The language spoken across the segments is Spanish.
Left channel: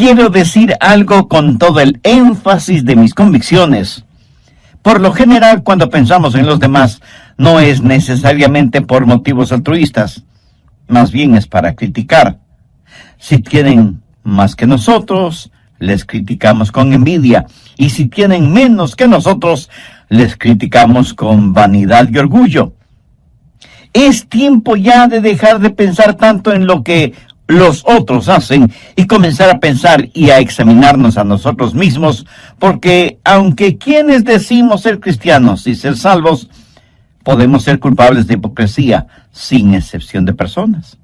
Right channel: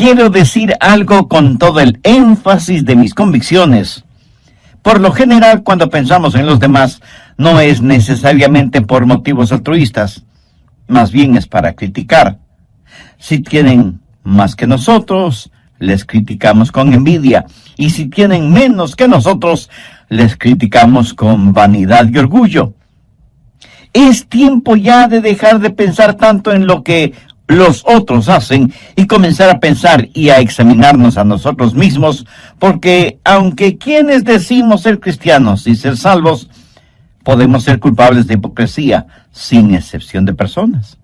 Quiero decir algo con todo el énfasis de mis convicciones. Por lo general, cuando pensamos en los demás, no es necesariamente por motivos altruistas, más bien es para criticar. Si tienen más que nosotros, les criticamos con envidia, y si tienen menos que nosotros, les criticamos con vanidad y orgullo. Es tiempo ya de dejar de pensar tanto en lo que los otros hacen y comenzar a pensar y a examinarnos a nosotros mismos, porque aunque quienes decimos ser cristianos y ser salvos, podemos ser culpables de hipocresía, sin excepción de personas.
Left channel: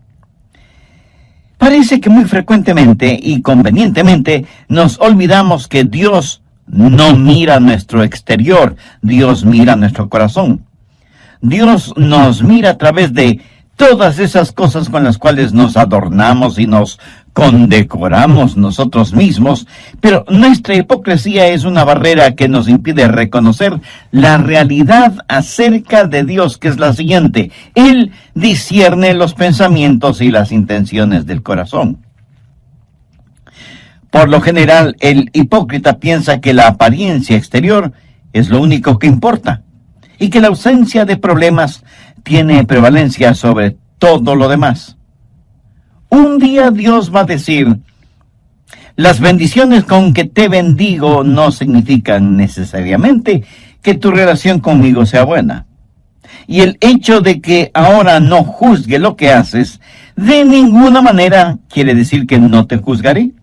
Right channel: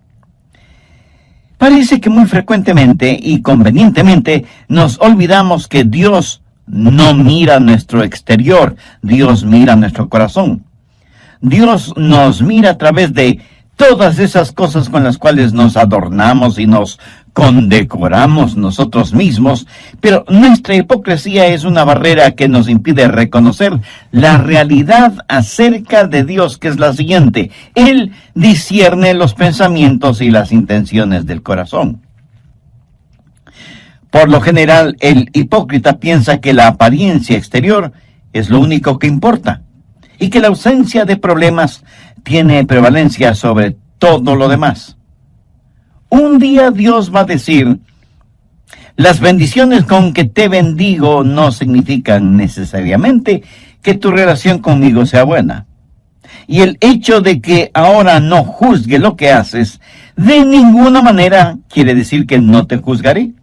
Parece que muy frecuentemente y convenientemente nos olvidamos que Dios no mira nuestro exterior, Dios mira nuestro corazón. Dios nos mira a través de todas esas cosas con las cuales nos adornamos y nos condecoramos nosotros mismos, pero nuestra hipocresía es una barrera que nos impide reconocer la realidad acerca de Dios, que es la siguiente: Él discierne los pensamientos y las intenciones del corazón. Por lo general, el hipócrita piensa que la apariencia exterior es lo único que importa, y que la ausencia de problemas tiene prevalencia sobre todo lo demás. Un día Dios va a decir: las bendiciones con que te bendigo no significan necesariamente que tu relación conmigo sea buena. Y el hecho de que ahora no juzgue lo que haces, de ninguna manera quiere decir que no te juzgaré.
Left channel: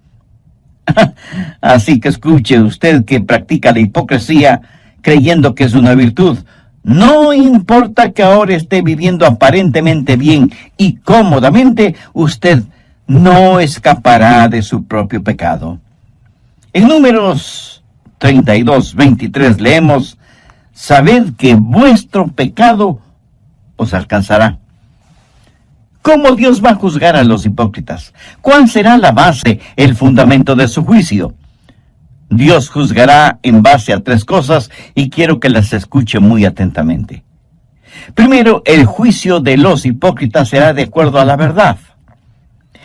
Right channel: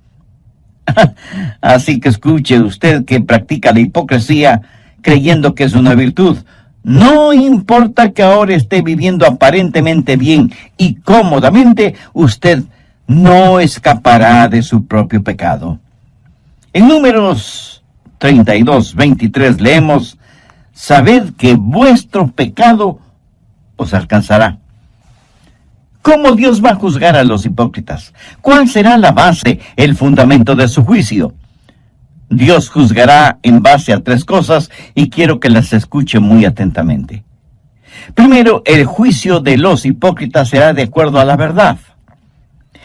Así que escuche usted que practica la hipocresía creyendo que es una virtud. No importa que ahora esté viviendo aparentemente bien y cómodamente, usted no escapará de su propio pecado. En Números 32:23 leemos: sabed que vuestro pecado os alcanzará. ¿Cómo Dios va a juzgar a los hipócritas? ¿Cuál será la base, el fundamento de su juicio? Dios juzgará en base a 3 cosas y quiero que las escuche muy atentamente. Primero, el juicio de los hipócritas será de acuerdo a la verdad.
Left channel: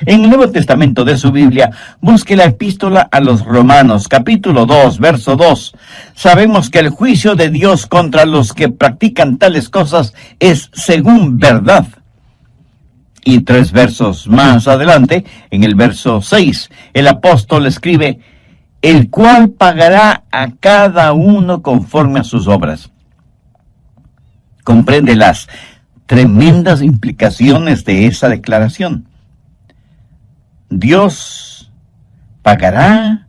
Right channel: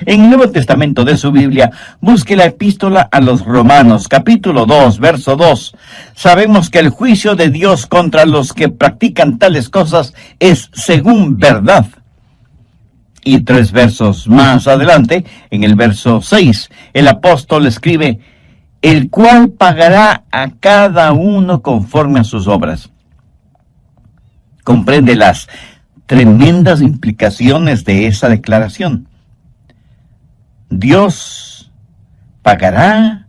En el Nuevo Testamento de su Biblia, busque la epístola a los Romanos, capítulo 2, verso 2. Sabemos que el juicio de Dios contra los que practican tales cosas es según verdad. Y 3 versos más adelante, en el verso 6, el apóstol escribe: el cual pagará a cada uno conforme a sus obras. Comprende las tremendas implicaciones de esa declaración. Dios pagará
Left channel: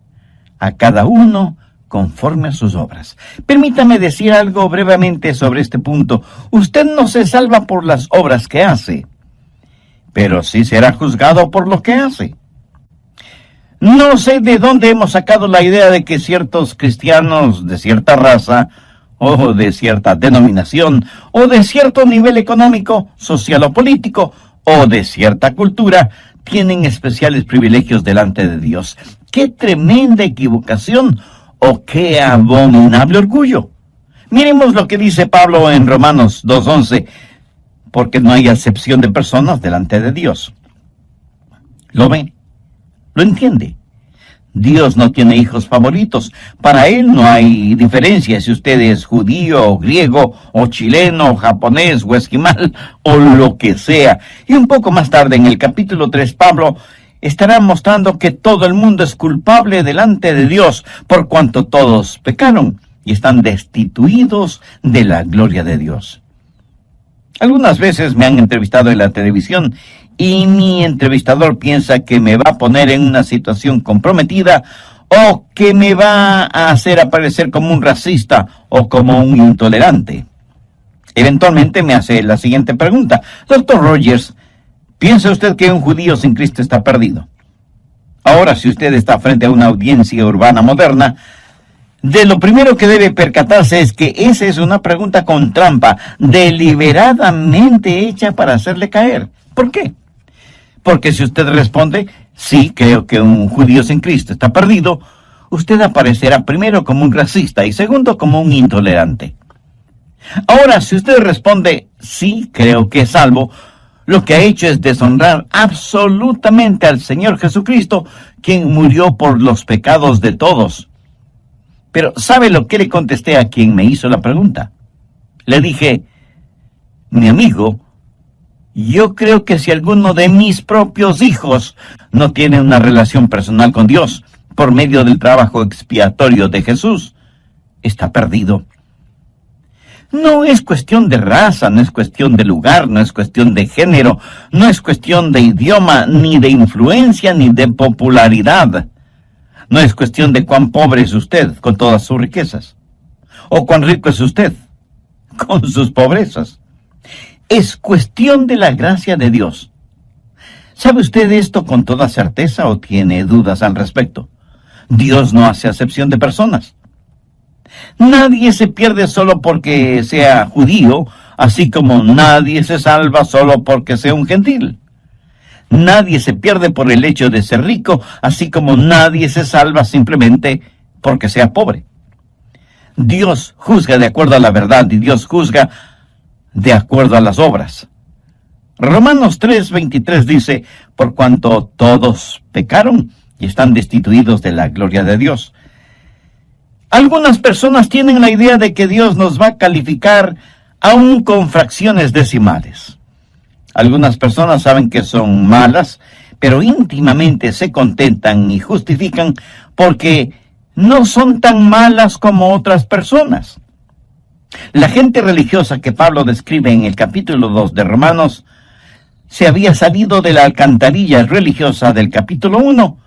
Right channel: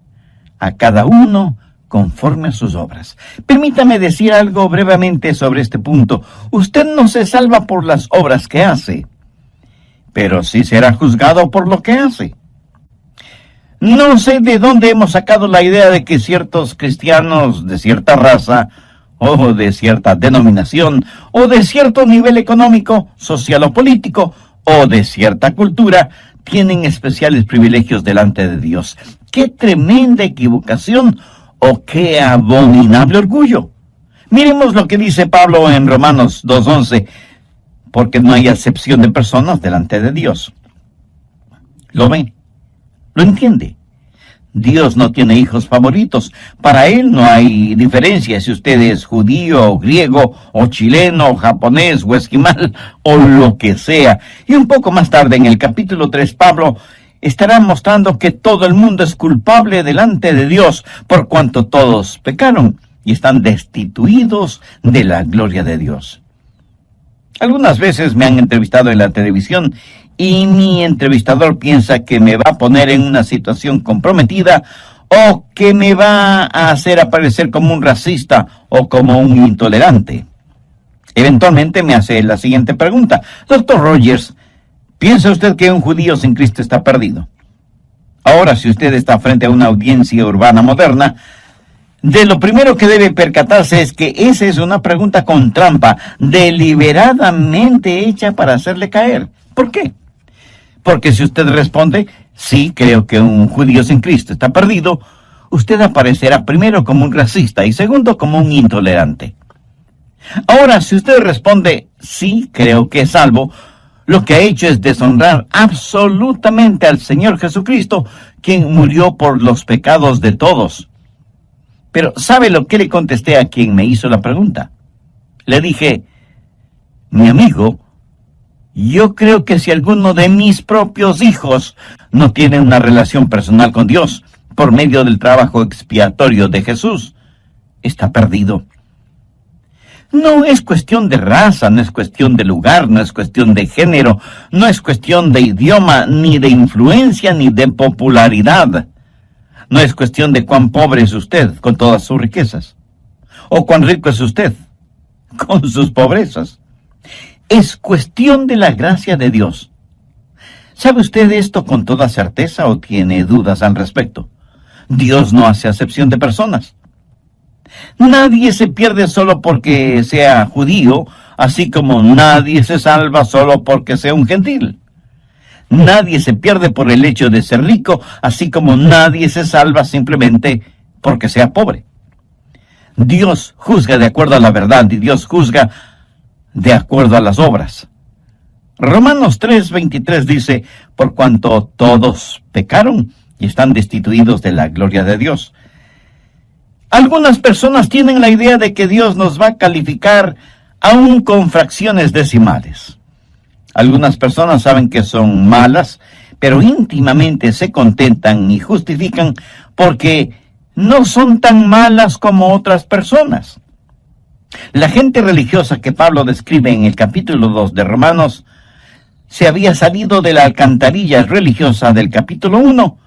a cada uno conforme a sus obras. Permítame decir algo brevemente sobre este punto. Usted no se salva por las obras que hace, pero sí será juzgado por lo que hace. No sé de dónde hemos sacado la idea de que ciertos cristianos de cierta raza, o de cierta denominación, o de cierto nivel económico, social o político, o de cierta cultura, tienen especiales privilegios delante de Dios. ¡Qué tremenda equivocación! ¡O qué abominable orgullo! Miremos lo que dice Pablo en Romanos 2:11, porque no hay acepción de personas delante de Dios. ¿Lo ve? ¿Lo entiende? Dios no tiene hijos favoritos. Para Él no hay diferencia si usted es judío, o griego, o chileno, o japonés, o esquimal, o lo que sea. Y un poco más tarde, en el capítulo 3, Pablo estará mostrando que todo el mundo es culpable delante de Dios, por cuanto todos pecaron y están destituidos de la gloria de Dios. Algunas veces me han entrevistado en la televisión y mi entrevistador piensa que me va a poner en una situación comprometida o que me va a hacer aparecer como un racista o como un intolerante. Eventualmente me hace la siguiente pregunta: Dr. Rogers, ¿piensa usted que un judío sin Cristo está perdido? Ahora, si usted está frente a una audiencia urbana moderna, de lo primero que debe percatarse es que esa es una pregunta con trampa, deliberadamente hecha para hacerle caer. ¿Por qué? Porque si usted responde: sí, creo que un judío sin Cristo está perdido, usted aparecerá primero como un racista y segundo como un intolerante. Ahora, si usted responde: sí, creo que es salvo, lo que ha hecho es deshonrar absolutamente al Señor Jesucristo, quien murió por los pecados de todos. Pero ¿sabe lo que le contesté a quien me hizo la pregunta? Le dije: mi amigo, yo creo que si alguno de mis propios hijos no tiene una relación personal con Dios por medio del trabajo expiatorio de Jesús, está perdido. No es cuestión de raza, no es cuestión de lugar, no es cuestión de género, no es cuestión de idioma, ni de influencia, ni de popularidad. No es cuestión de cuán pobre es usted con todas sus riquezas, o cuán rico es usted con sus pobrezas. Es cuestión de la gracia de Dios. ¿Sabe usted esto con toda certeza o tiene dudas al respecto? Dios no hace acepción de personas. Nadie se pierde solo porque sea judío, así como nadie se salva solo porque sea un gentil. Nadie se pierde por el hecho de ser rico, así como nadie se salva simplemente porque sea pobre. Dios juzga de acuerdo a la verdad y Dios juzga de acuerdo a las obras. Romanos 3:23 dice: por cuanto todos pecaron y están destituidos de la gloria de Dios. Algunas personas tienen la idea de que Dios nos va a calificar aún con fracciones decimales. Algunas personas saben que son malas, pero íntimamente se contentan y justifican porque no son tan malas como otras personas. La gente religiosa que Pablo describe en el capítulo 2 de Romanos se había salido de la alcantarilla religiosa del capítulo 1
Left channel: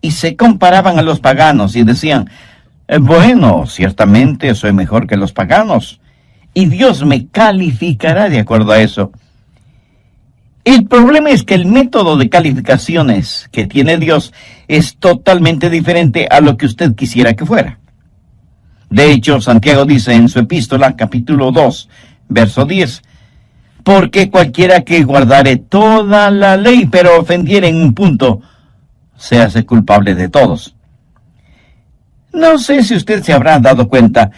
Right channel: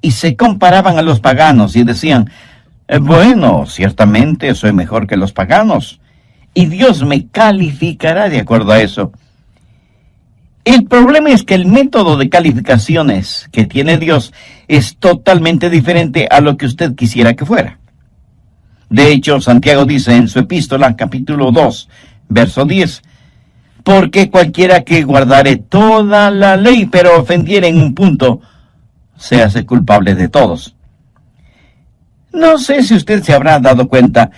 y se comparaban a los paganos y decían: bueno, ciertamente soy mejor que los paganos, y Dios me calificará de acuerdo a eso. El problema es que el método de calificaciones que tiene Dios es totalmente diferente a lo que usted quisiera que fuera. De hecho, Santiago dice en su epístola, capítulo 2, verso 10, porque cualquiera que guardare toda la ley, pero ofendiere en un punto, se hace culpable de todos. No sé si usted se habrá dado cuenta,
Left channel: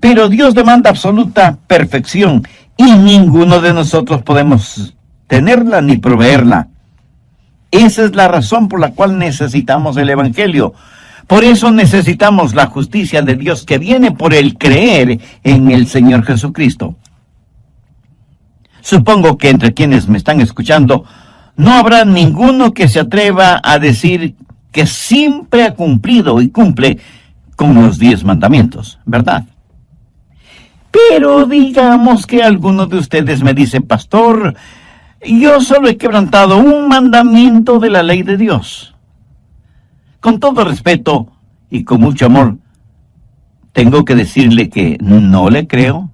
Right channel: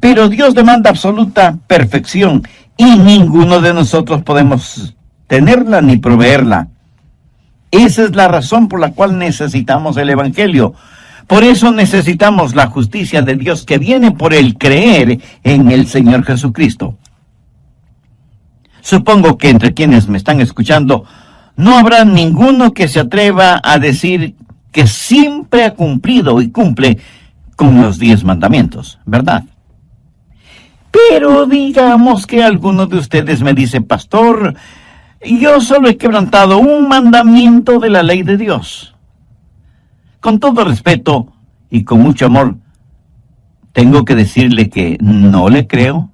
pero Dios demanda absoluta perfección y ninguno de nosotros podemos tenerla ni proveerla. Esa es la razón por la cual necesitamos el Evangelio. Por eso necesitamos la justicia de Dios que viene por el creer en el Señor Jesucristo. Supongo que entre quienes me están escuchando no habrá ninguno que se atreva a decir que siempre ha cumplido y cumple con los 10 mandamientos, ¿verdad? Pero digamos que alguno de ustedes me dice: pastor, yo solo he quebrantado un mandamiento de la ley de Dios. Con todo respeto y con mucho amor, tengo que decirle que no le creo.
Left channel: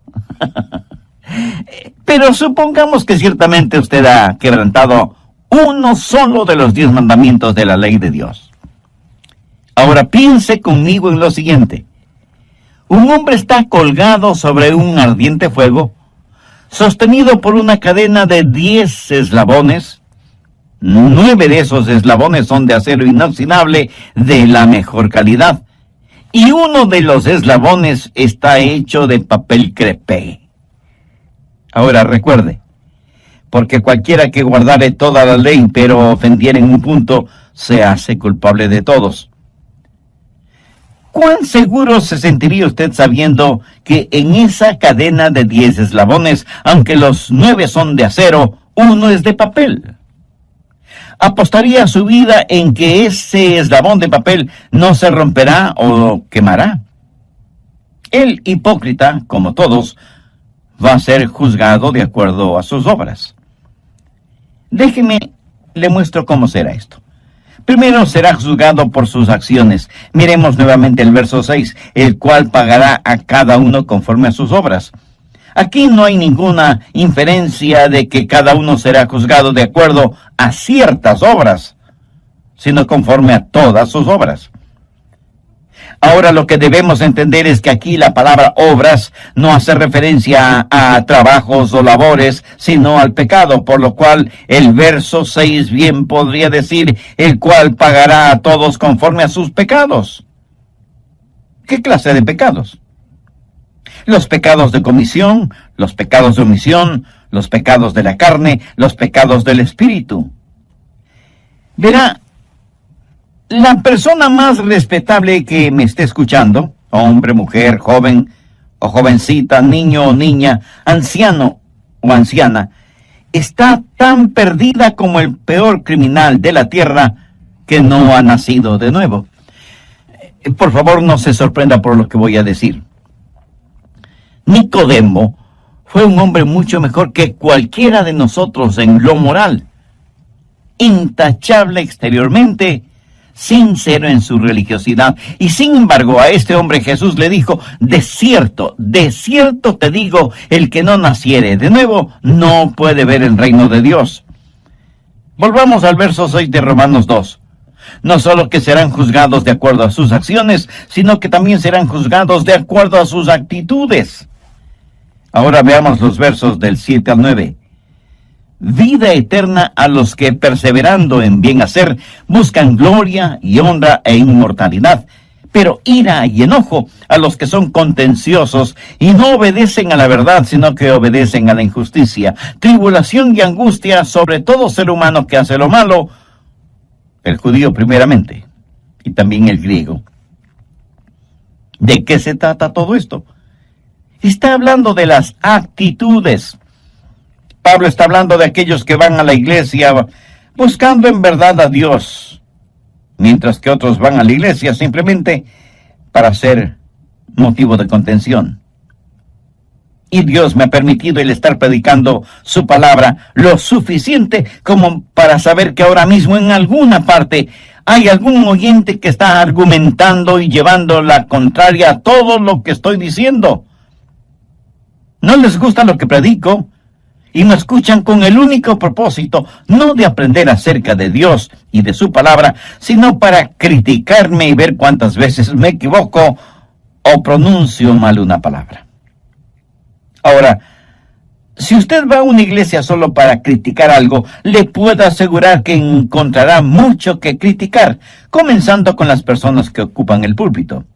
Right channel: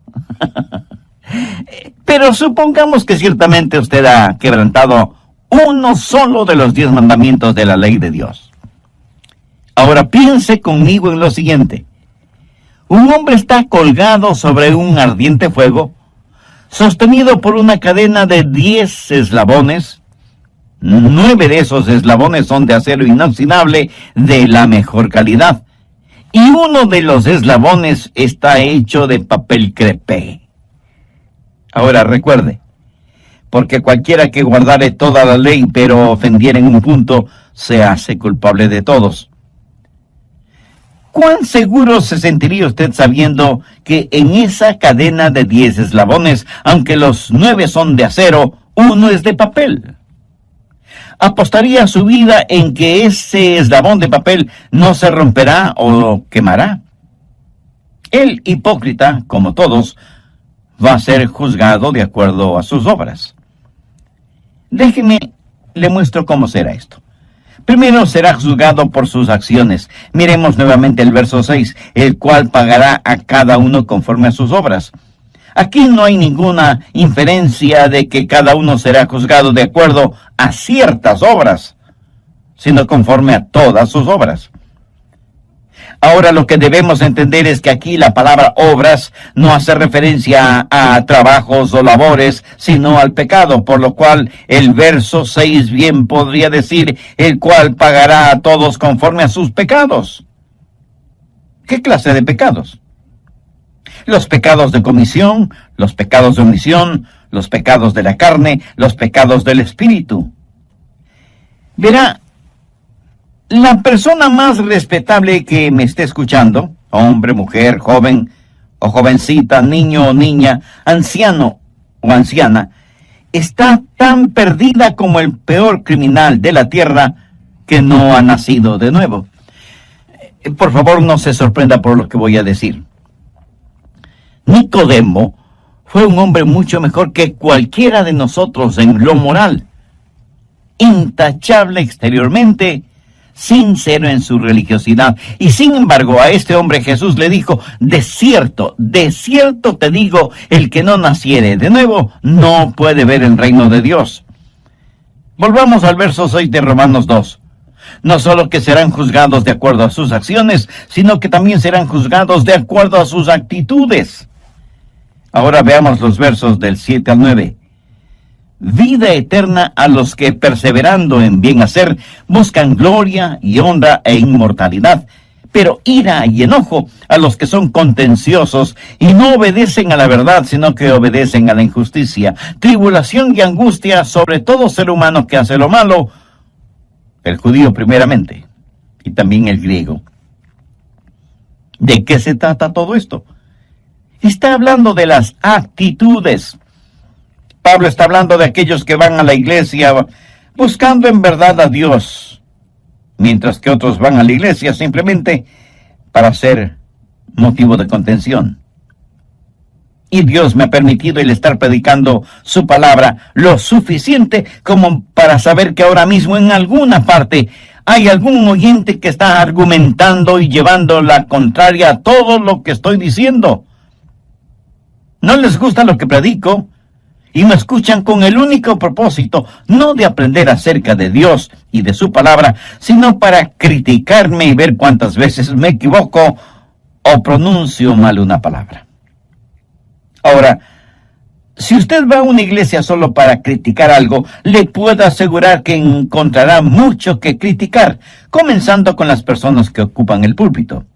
Pero supongamos que ciertamente usted ha quebrantado uno solo de los 10 mandamientos de la ley de Dios. Ahora piense conmigo en lo siguiente. Un hombre está colgado sobre un ardiente fuego, sostenido por una cadena de 10 eslabones. 9 de esos eslabones son de acero inoxidable de la mejor calidad, y uno de los eslabones está hecho de papel crepé. Ahora recuerde, porque cualquiera que guardare toda la ley, pero ofendiere en un punto, se hace culpable de todos. ¿Cuán seguro se sentiría usted sabiendo que en esa cadena de 10 eslabones, aunque los 9 son de acero, uno es de papel? ¿Apostaría su vida en que ese eslabón de papel no se romperá o quemará? El hipócrita, como todos, va a ser juzgado de acuerdo a sus obras. Déjeme, le muestro cómo será esto. Primero será juzgado por sus acciones. Miremos nuevamente el verso 6, el cual pagará a cada uno conforme a sus obras. Aquí no hay ninguna inferencia de que cada uno será juzgado de acuerdo a ciertas obras, sino conforme a todas sus obras. Ahora lo que debemos entender es que aquí la palabra obras no hace referencia a trabajos o labores, sino al pecado, por lo cual el verso 6 bien podría decir, el cual pagará a todos conforme a sus pecados. ¿Qué clase de pecados? Los pecados de comisión, los pecados de omisión, los pecados de la carne, los pecados del espíritu. Verá, la persona más respetable que me esté escuchando, hombre, mujer, joven o jovencita, niño o niña, anciano o anciana, está tan perdida como el peor criminal de la tierra que no ha nacido de nuevo. Por favor, no se sorprenda por lo que voy a decir. Nicodemo fue un hombre mucho mejor que cualquiera de nosotros en lo moral, intachable exteriormente, sincero en su religiosidad. Y sin embargo, a este hombre Jesús le dijo: de cierto te digo, el que no naciere de nuevo no puede ver el reino de Dios. Volvamos al verso 6 de Romanos 2. No solo que serán juzgados de acuerdo a sus acciones, sino que también serán juzgados de acuerdo a sus actitudes. Ahora veamos los versos del 7 al 9. Vida eterna a los que, perseverando en bien hacer, buscan gloria y honra e inmortalidad, pero ira y enojo a los que son contenciosos y no obedecen a la verdad, sino que obedecen a la injusticia. Tribulación y angustia sobre todo ser humano que hace lo malo, el judío primeramente, y también el griego. ¿De qué se trata todo esto? Está hablando de las actitudes. Pablo está hablando de aquellos que van a la iglesia buscando en verdad a Dios, mientras que otros van a la iglesia simplemente para ser motivo de contención. Y Dios me ha permitido el estar predicando su palabra lo suficiente como para saber que ahora mismo en alguna parte hay algún oyente que está argumentando y llevando la contraria a todo lo que estoy diciendo. No les gusta lo que predico y me escuchan con el único propósito, no de aprender acerca de Dios y de su palabra, sino para criticarme y ver cuántas veces me equivoco o pronuncio mal una palabra. Ahora, si usted va a una iglesia solo para criticar algo, le puedo asegurar que encontrará mucho que criticar, comenzando con las personas que ocupan el púlpito.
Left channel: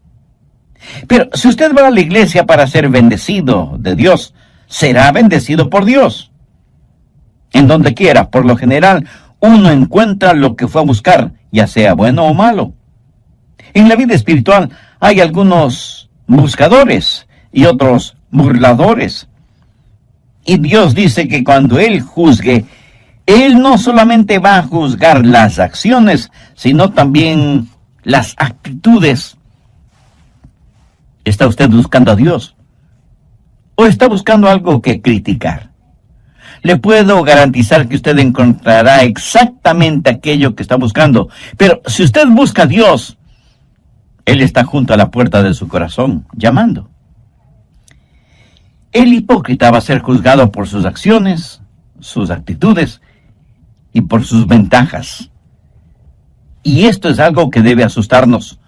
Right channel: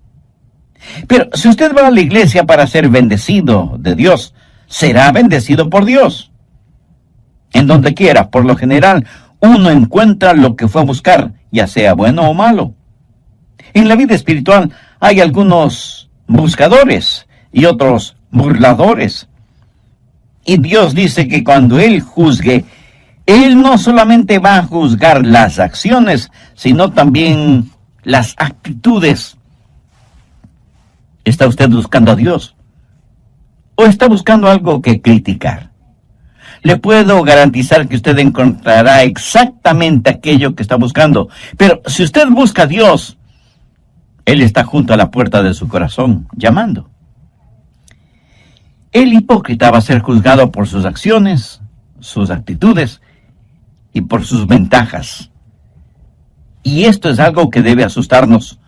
Pero si usted va a la iglesia para ser bendecido de Dios, será bendecido por Dios. En donde quiera, por lo general, uno encuentra lo que fue a buscar, ya sea bueno o malo. En la vida espiritual hay algunos buscadores y otros burladores. Y Dios dice que cuando Él juzgue, Él no solamente va a juzgar las acciones, sino también las actitudes. ¿Está usted buscando a Dios? ¿O está buscando algo que criticar? Le puedo garantizar que usted encontrará exactamente aquello que está buscando. Pero si usted busca a Dios, Él está junto a la puerta de su corazón, llamando. El hipócrita va a ser juzgado por sus acciones, sus actitudes y por sus ventajas. Y esto es algo que debe asustarnos.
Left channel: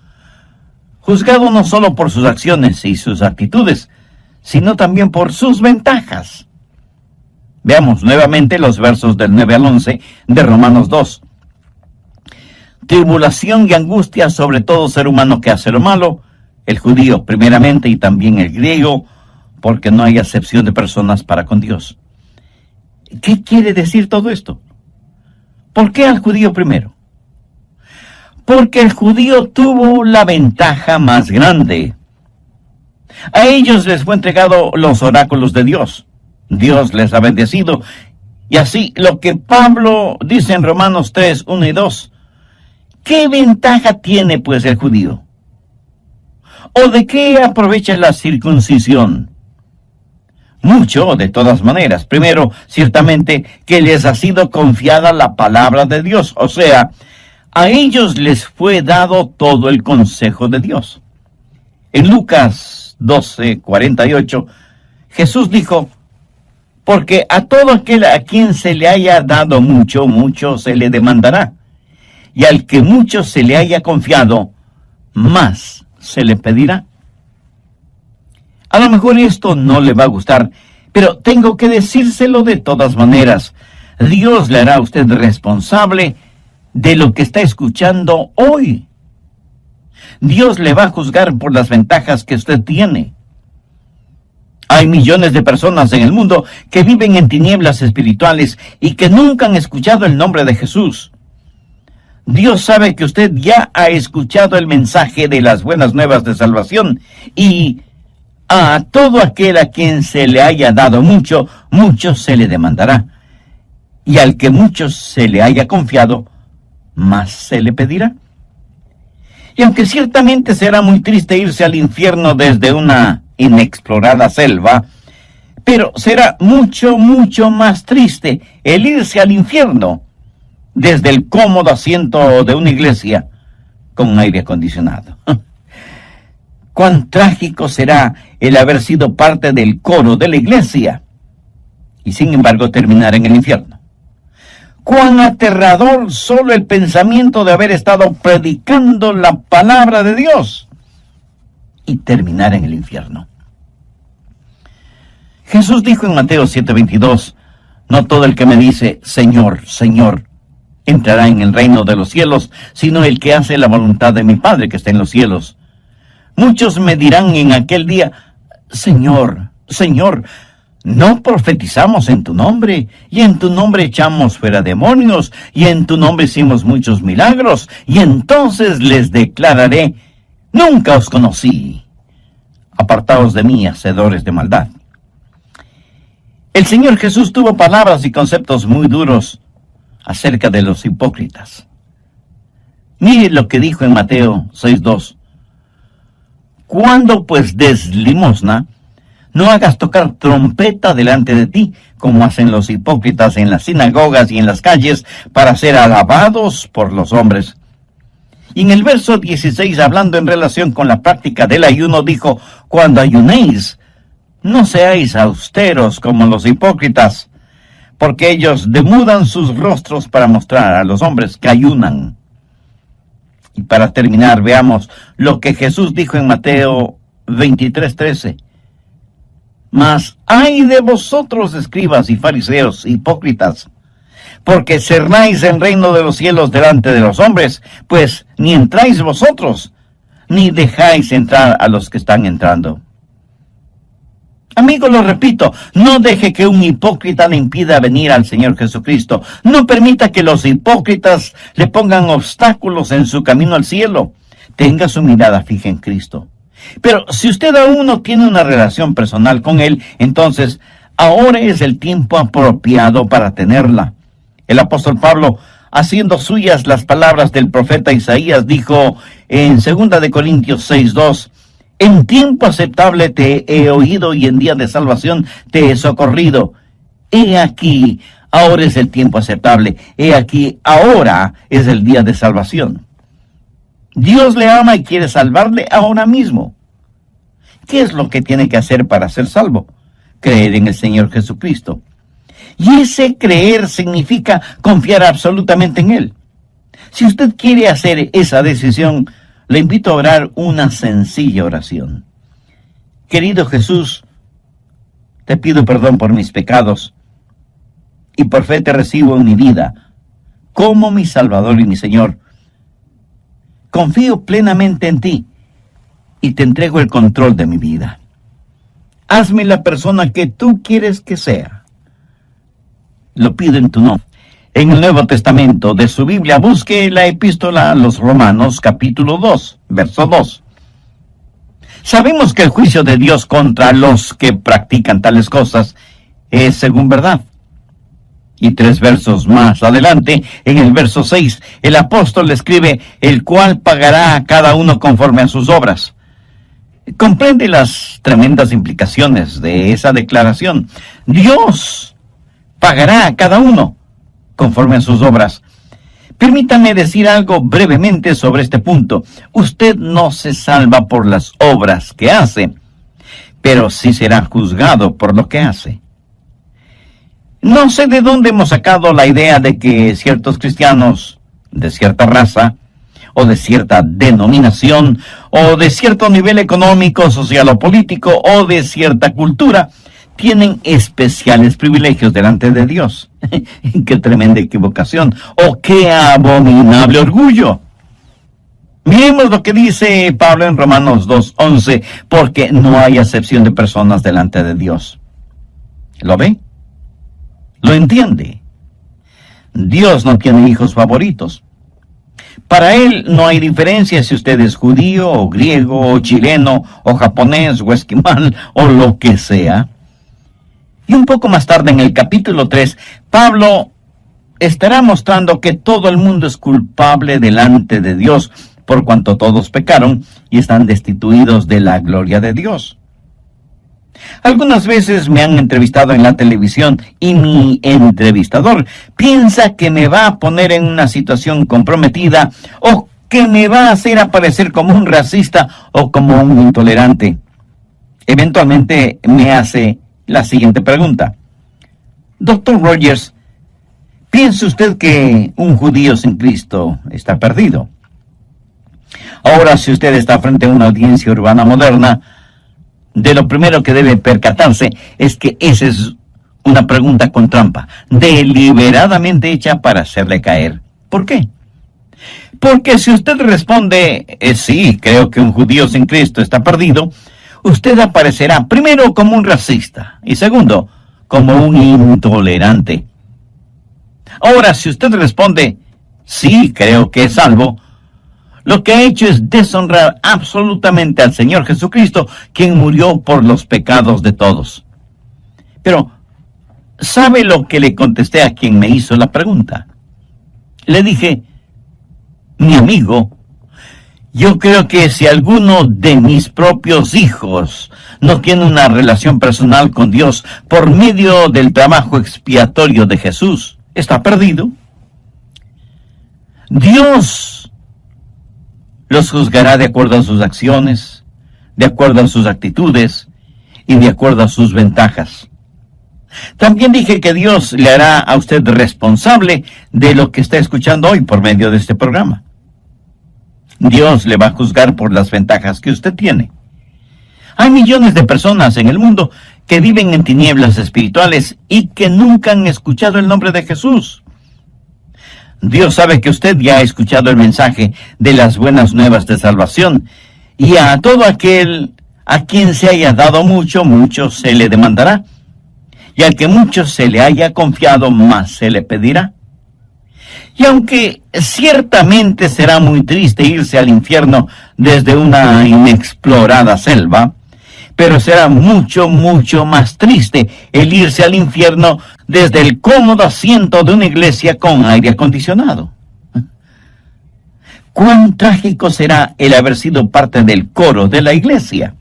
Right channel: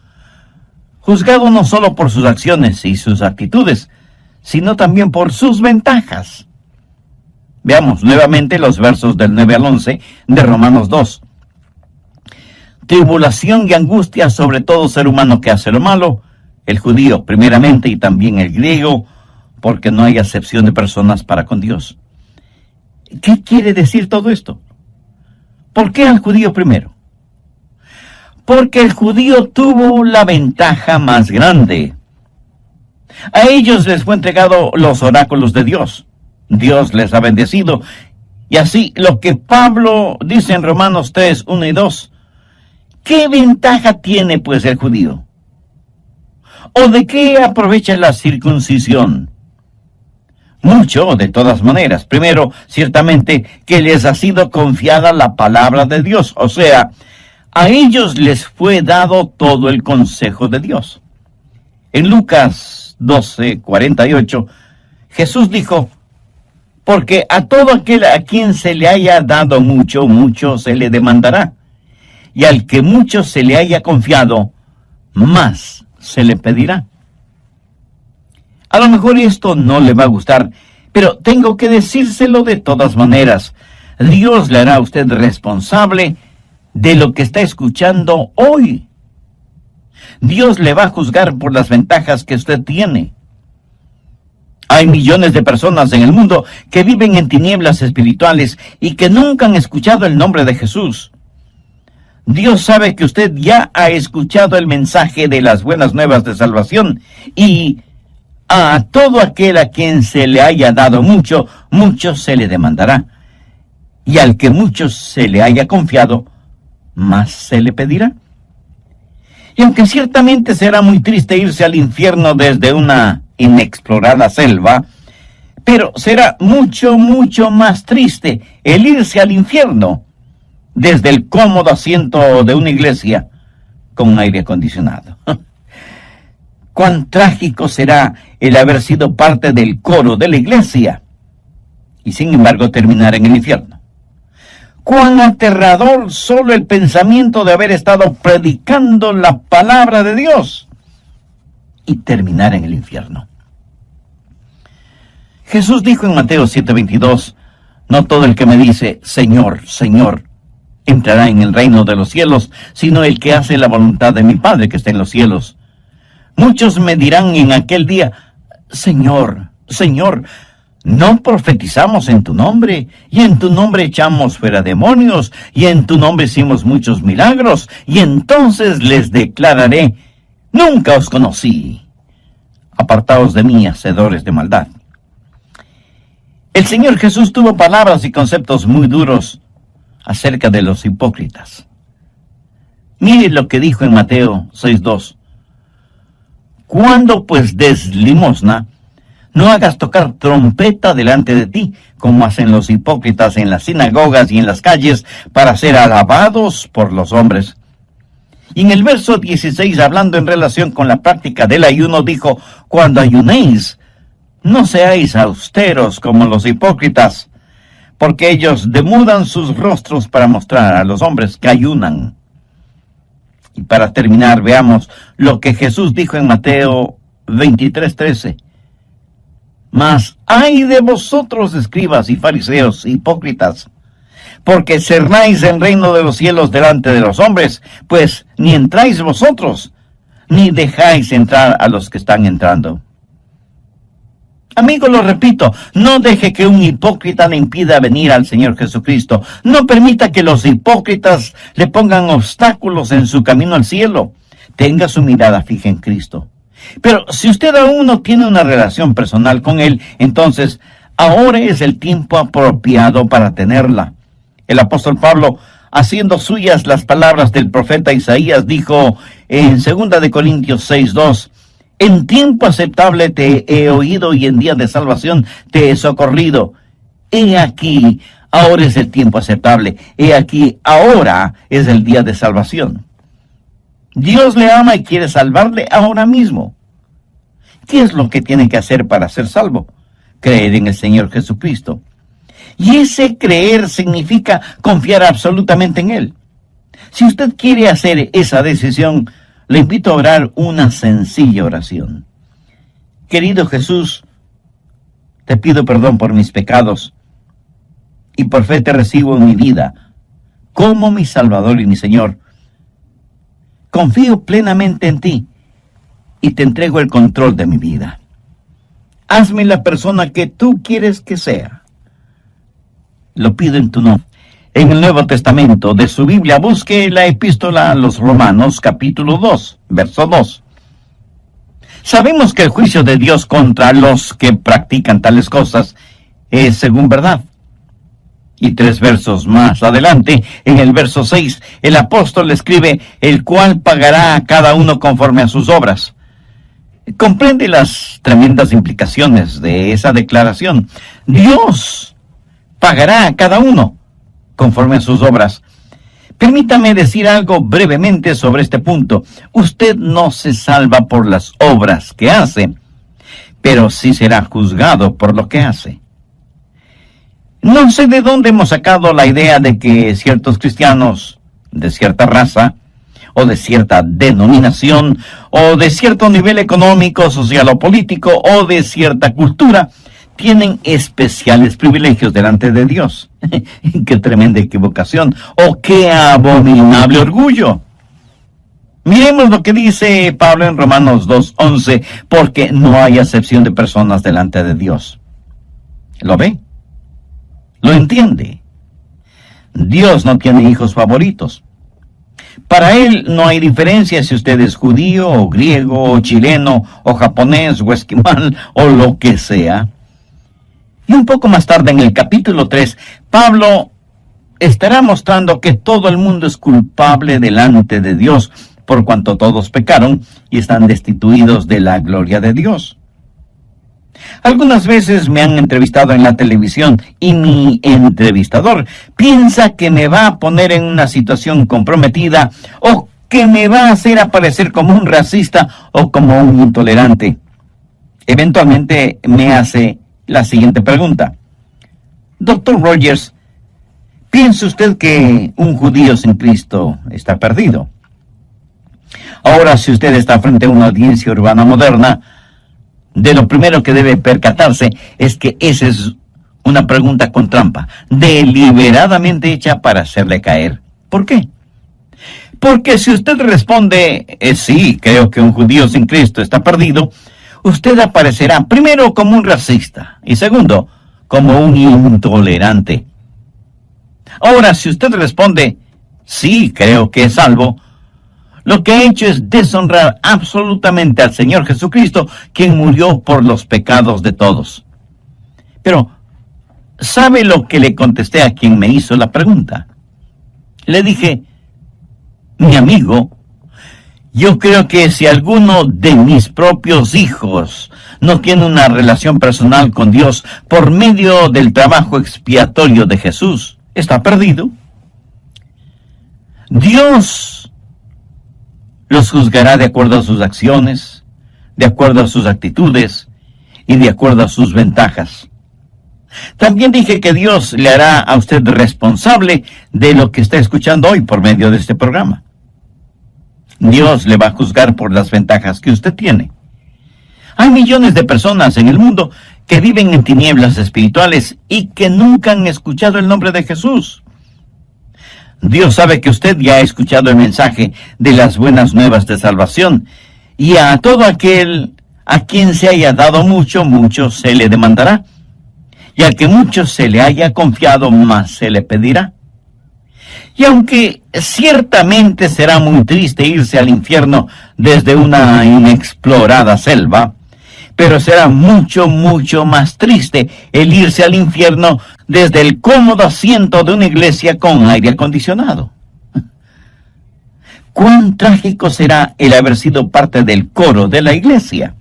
Juzgado no solo por sus acciones y sus actitudes, sino también por sus ventajas. Veamos nuevamente los versos del 9 al 11 de Romanos 2. Tribulación y angustia sobre todo ser humano que hace lo malo, el judío primeramente y también el griego, porque no hay acepción de personas para con Dios. ¿Qué quiere decir todo esto? ¿Por qué al judío primero? Porque el judío tuvo la ventaja más grande. A ellos les fue entregado los oráculos de Dios. Dios les ha bendecido. Y así, lo que Pablo dice en Romanos 3, 1 y 2, ¿qué ventaja tiene pues el judío? ¿O de qué aprovecha la circuncisión? Mucho, de todas maneras. Primero, ciertamente, que les ha sido confiada la palabra de Dios. O sea, a ellos les fue dado todo el consejo de Dios. En Lucas 12:48, Jesús dijo: porque a todo aquel a quien se le haya dado mucho, mucho se le demandará. Y al que mucho se le haya confiado, más se le pedirá. A lo mejor esto no le va a gustar, pero tengo que decírselo de todas maneras. Dios le hará a usted responsable de lo que está escuchando hoy. Dios le va a juzgar por las ventajas que usted tiene. Hay millones de personas en el mundo que viven en tinieblas espirituales y que nunca han escuchado el nombre de Jesús. Dios sabe que usted ya ha escuchado el mensaje de las buenas nuevas de salvación, y a todo aquel a quien se le haya dado mucho, mucho se le demandará. Y al que mucho se le haya confiado, más se le pedirá. Y aunque ciertamente será muy triste irse al infierno desde una inexplorada selva, pero será mucho, mucho más triste el irse al infierno desde el cómodo asiento de una iglesia con aire acondicionado. Cuán trágico será el haber sido parte del coro de la iglesia y sin embargo terminar en el infierno. Cuán aterrador solo el pensamiento de haber estado predicando la palabra de Dios y terminar en el infierno. Jesús dijo en Mateo 7:22, no todo el que me dice, Señor, Señor, entrará en el reino de los cielos, sino el que hace la voluntad de mi Padre que está en los cielos. Muchos me dirán en aquel día, Señor, Señor, ¿no profetizamos en tu nombre? Y en tu nombre echamos fuera demonios, y en tu nombre hicimos muchos milagros. Y entonces les declararé, nunca os conocí. Apartaos de mí, hacedores de maldad. El Señor Jesús tuvo palabras y conceptos muy duros acerca de los hipócritas. Mire lo que dijo en Mateo 6:2. Cuando pues des limosna, no hagas tocar trompeta delante de ti, como hacen los hipócritas en las sinagogas y en las calles, para ser alabados por los hombres. Y en el verso 16, hablando en relación con la práctica del ayuno, dijo, cuando ayunéis, no seáis austeros como los hipócritas, porque ellos demudan sus rostros para mostrar a los hombres que ayunan. Y para terminar, veamos lo que Jesús dijo en Mateo 23:13. Mas ay de vosotros, escribas y fariseos hipócritas, porque cerráis el reino de los cielos delante de los hombres, pues ni entráis vosotros, ni dejáis entrar a los que están entrando. Amigo, lo repito, no deje que un hipócrita le impida venir al Señor Jesucristo. No permita que los hipócritas le pongan obstáculos en su camino al cielo. Tenga su mirada fija en Cristo. Pero si usted aún no tiene una relación personal con Él, entonces ahora es el tiempo apropiado para tenerla. El apóstol Pablo, haciendo suyas las palabras del profeta Isaías, dijo en 2 de Corintios 6:2, en tiempo aceptable te he oído y en día de salvación te he socorrido. He aquí, ahora es el tiempo aceptable. He aquí, ahora es el día de salvación. Dios le ama y quiere salvarle ahora mismo. ¿Qué es lo que tiene que hacer para ser salvo? Creer en el Señor Jesucristo. Y ese creer significa confiar absolutamente en Él. Si usted quiere hacer esa decisión, le invito a orar una sencilla oración. Querido Jesús, te pido perdón por mis pecados y por fe te recibo en mi vida como mi Salvador y mi Señor. Confío plenamente en ti y te entrego el control de mi vida. Hazme la persona que tú quieres que sea. Lo pido en tu nombre. En el Nuevo Testamento de su Biblia, busque la epístola a los Romanos, capítulo 2, verso 2. Sabemos que el juicio de Dios contra los que practican tales cosas es según verdad. Y 3 versos más adelante, en el verso 6, el apóstol escribe, el cual pagará a cada uno conforme a sus obras. Comprende las tremendas implicaciones de esa declaración. Dios pagará a cada uno conforme a sus obras. Permítame decir algo brevemente sobre este punto. Usted no se salva por las obras que hace, pero sí será juzgado por lo que hace. No sé de dónde hemos sacado la idea de que ciertos cristianos de cierta raza, o de cierta denominación, o de cierto nivel económico, social o político, o de cierta cultura, tienen especiales privilegios delante de Dios. ¡Qué tremenda equivocación! ¡Oh, qué abominable orgullo! Miremos lo que dice Pablo en Romanos 2:11, porque no hay acepción de personas delante de Dios. ¿Lo ve? ¿Lo entiende? Dios no tiene hijos favoritos. Para Él no hay diferencia si usted es judío, o griego, o chileno, o japonés, o esquimal, o lo que sea. Y un poco más tarde, en el capítulo 3, Pablo estará mostrando que todo el mundo es culpable delante de Dios, por cuanto todos pecaron y están destituidos de la gloria de Dios. Algunas veces me han entrevistado en la televisión y mi entrevistador piensa que me va a poner en una situación comprometida o que me va a hacer aparecer como un racista o como un intolerante. Eventualmente me hace la siguiente pregunta. Doctor Rogers, ¿piensa usted que un judío sin Cristo está perdido? Ahora, si usted está frente a una audiencia urbana moderna, de lo primero que debe percatarse es que esa es una pregunta con trampa, deliberadamente hecha para hacerle caer. ¿Por qué? Porque si usted responde, sí, creo que un judío sin Cristo está perdido, usted aparecerá primero como un racista y segundo, como un intolerante. Ahora, si usted responde, sí, creo que es salvo, lo que ha hecho es deshonrar absolutamente al Señor Jesucristo, quien murió por los pecados de todos. Pero, ¿sabe lo que le contesté a quien me hizo la pregunta? Le dije, mi amigo, yo creo que si alguno de mis propios hijos no tiene una relación personal con Dios por medio del trabajo expiatorio de Jesús, está perdido. Dios los juzgará de acuerdo a sus acciones, de acuerdo a sus actitudes y de acuerdo a sus ventajas. También dije que Dios le hará a usted responsable de lo que está escuchando hoy por medio de este programa. Dios le va a juzgar por las ventajas que usted tiene. Hay millones de personas en el mundo que viven en tinieblas espirituales y que nunca han escuchado el nombre de Jesús. Dios sabe que usted ya ha escuchado el mensaje de las buenas nuevas de salvación, y a todo aquel a quien se haya dado mucho, mucho se le demandará, y al que mucho se le haya confiado, más se le pedirá. Y aunque ciertamente será muy triste irse al infierno desde una inexplorada selva, pero será mucho, mucho más triste el irse al infierno desde el cómodo asiento de una iglesia con aire acondicionado. Cuán trágico será el haber sido parte del coro de la iglesia